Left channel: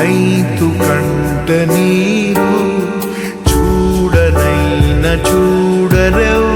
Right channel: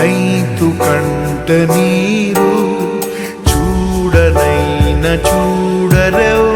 कण्टनीरो चूडनैनचूडरौ